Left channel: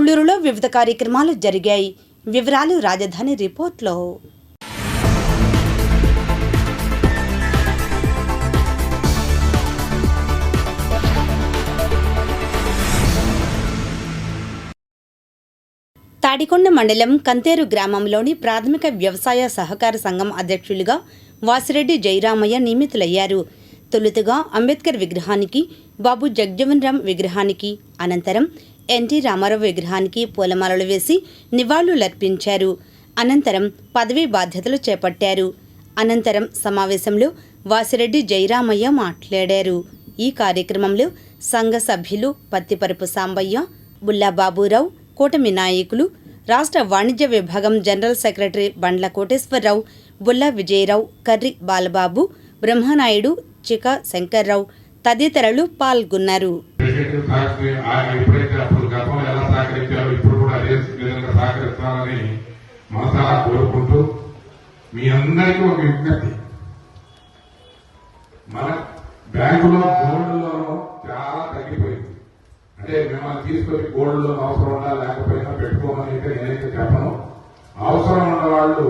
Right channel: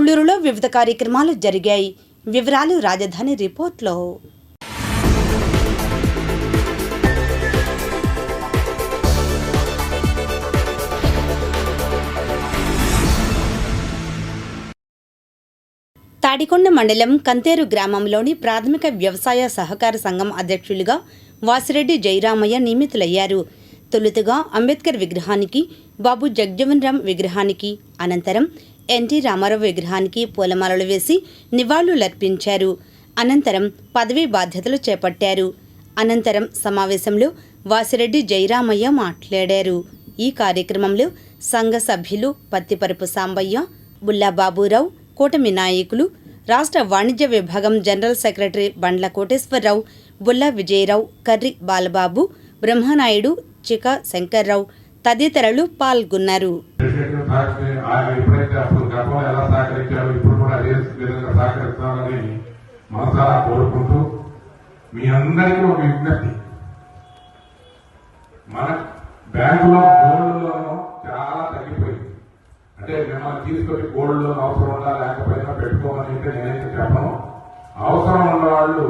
తుళ్ళూరులో వివిధ కార్యక్రమాలు జరిగాయి. వివరాలు రాజధాని రిపోర్ట్లో. తాడికొండ మండలం కంతేరు గ్రామంలోని ప్రాథమిక వ్యవసాయ సహకార సంఘం అధ్యక్షులుగా వాసిరెడ్డి జయరామయ్య నియమితులయ్యారు. తొలుతగా అంబేద్కర్ విగ్రహానికి బాబు జగ్జీవన్ రామ్ విగ్రహానికి అనంతరం ఎన్టీ రామారావు విగ్రహానికి పూలమాలలు వేసి నివాళులర్పించారు. అనంతరం పదవీ బాధ్యతలు చేపట్టారు. అనంతరం సమావేశంలో వాసిరెడ్డి జయరామయ్య మాట్లాడారు. ఈ కార్యక్రమంలో సంఘ సభ్యులు పత్తిపరపు సాంబయ్య బుల్లాబాబురావు కూటమి నాయకులు రాష్ట్ర వాణిజ్య విభాగం జనరల్ సెక్రటరీ బండ్ల కోటేశ్వరరావు బుల్లా విజయరావు కర్రి బాలబాబు బ్రహ్మనాయుడు చిక శంకర్రావు తదితరులు పాల్గొన్నారు. మీ అందరికీ ఒక విజ్ఞప్తి. మన బ్యాంకులో గోల్డ్ లోన్ చాలా తగ్గిపోయింది. అంటే మిమ్మల్ని తీసుకొని గోల్డ్ లోన్ అవసరం ఉండాలి లేకపోయినా పెట్టుకోమని అయితే నేనైతే చెప్పను. అవసరం ఉన్న వాళ్ళు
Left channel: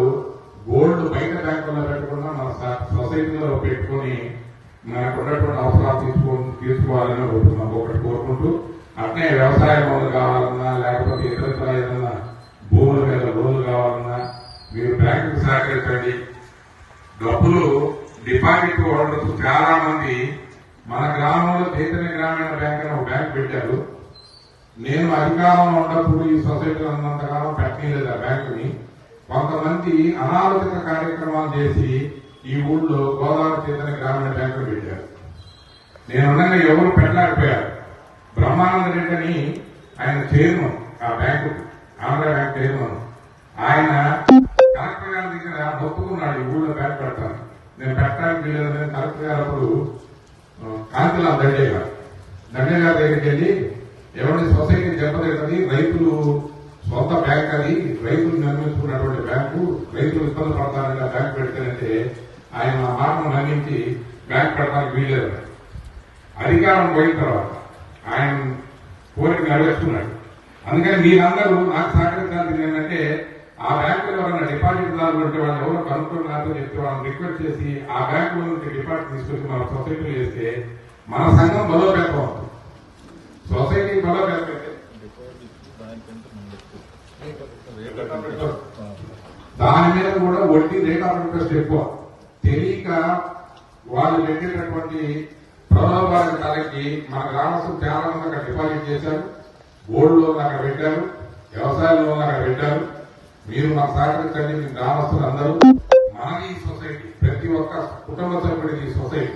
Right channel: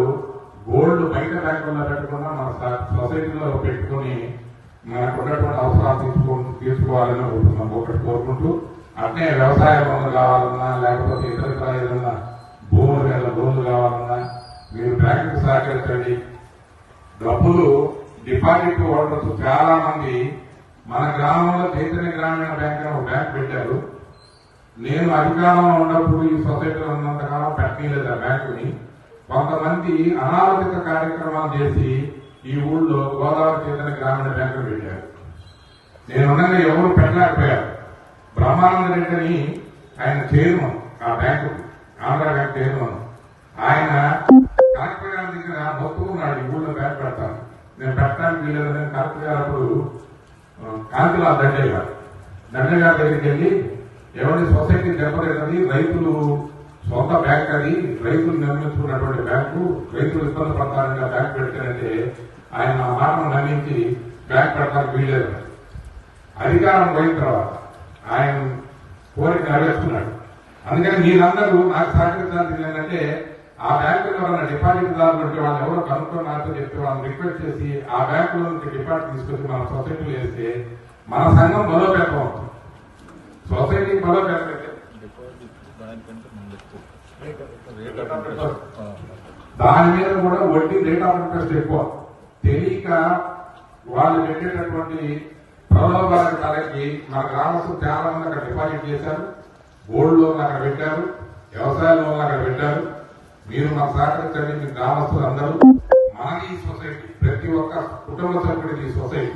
గోల్డ్ బయట బ్యాంకుల్లో పెట్టుకున్నా మన సొసైటీలో పెట్టుకొని మనకు ఉన్నటువంటి అవసరాలు తీసుకో తీసుకోవాలని కోరుతున్నాం ఒకటి కోరుకుంటూ అట్నే వ్యవసాయ లోన్లు కావాలన్నా సహకరించండి డబ్బులు డిపాజిట్ హోల్డర్స్ చాలా మంది మన గ్రామంలో చైతన్య గ్రామీణ బ్యాంక్ అని ఒక బ్యాంక్ పెట్టారు. నేను అధికారంలో ఉన్నప్పుడు ఈ సొసైటీలో ఉన్నంతకాలం పెట్టలేదు ఆ బ్యాంకుని. కొంతమంది అనాలోచిత కార్యక్రమాలు చేసి ఈ ఊళ్ళో గోదావరి చైతన్య గ్రామీణ బ్యాంకును పెట్టారు. నేను ఉండగా ఎవరు పెట్టలేకపోయారు. బ్రహ్మానంద రెడ్డిని ఆయన చేయను ఆ బ్యాంకు ఆంధ్ర బ్యాంక్ చైర్మన్ ఆయన కలెక్టర్ గారి దగ్గర ఒప్పుకున్నాడు ఈ ఊళ్ళో బ్యాంక్ పెడతాను నేను పెట్టడానికి వీలేదని కలెక్టర్ గారు అప్పుడు కాంతిలాల్ దండే గారు దగ్గరికి వెళ్ళి ఎవరి సొసైటీ దెబ్బతిన్నది రైతులు సొంత బ్యాంక్ అది. రైతులు నిర్మించుకున్నటువంటి బ్యాంకు. రైతులు ఇబ్బంది పడతారంటే బ్యాంక్ పెడతారంటే ఆయన మా మాటను నమ్మించి బ్యాంక్ పెట్టడానికి వీలేదు అధికారం పోయిన తర్వాత ఆయన కోరిక నెరవేర్చుకున్నాడు అందుకని మీరందరూ నాకు సహకరించాల్సింది ఏంటంటే ఆ బ్యాంకులో ఉన్న డిపాజిట్ దారులు ఉంటే వాళ్ళు ఎవరు కనుక్కొని నాతో చెప్తే వాళ్ళని రిక్వెస్ట్ చేసి ఆ బ్యాంకులో నుంచి డిపాజిట్ తీసుకొచ్చి మన సొసైటీలో వేస్తే మన సంఘం బలోపేతం అవుతుంది సొసైటీ బలోపేతం పెట్టండి రేట్ దాని మీద కూడా వడ్డీ రేట్ ఆఫ్ ఇంట్రెస్ట్ ఎక్కువ. తెలియక వాళ్ళు పెట్టేటటువంటి ప్రలోభాలకు తలకి మన గ్రామస్తులు చాలా మంది అక్కడ డిపాజిట్ చేశారు. గోల్డ్ లోన్ అక్కడ పెట్టారు. వ్యవసాయ లోన్లు అక్కడ పెట్టారు. మీరు మాకు సహకరించండి మీ గ్రామస్తులు అందరూ మనది ఈ సొసైటీ ప్రతి ఒక్క కుటుంబ సభ్యుడిది ఈ సొసైటీ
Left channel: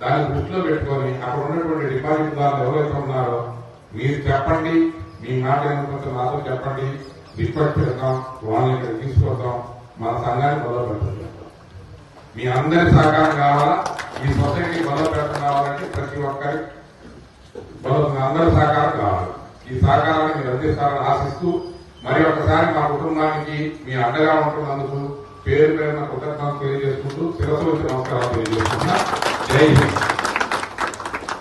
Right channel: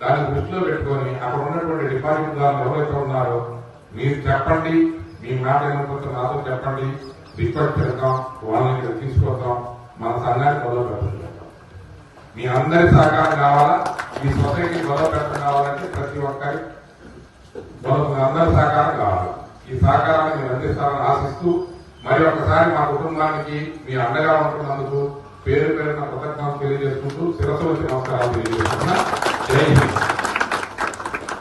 దాన్ని దృష్టిలో పెట్టుకొని అక్కడ ఉన్నటువంటి డిపాజిట్ దారులు ఎవరైతే ఉన్నారో మీరు చెప్పండి. మీ మాట వినకపోతే నాతో చెప్పండి. రిక్వెస్ట్ పెడతాం వాళ్ళని ఇక్కడ తీసుకొద్దాం. మన సంఘాన్ని గొడవ పెడుతున్నాం మీ అందరి సహకారం కావాలా? మీ సొసైటీ గొడవ పెట్టడం కావాలంటే ప్రతి ఒక్కరి గొడవ అందరి సహకారం కావాలి. ఈ సహకారాన్ని మీరు అందిస్తారని ఆశిస్తూ మరి ఒకసారి మా కుటుంబానికి మీ అండగా ఉంటున్నందుకు పేరు పేరున కృతజ్ఞతలు తెలియజేసుకుంటూ శిరస్సు వచ్చి నమస్కారాలు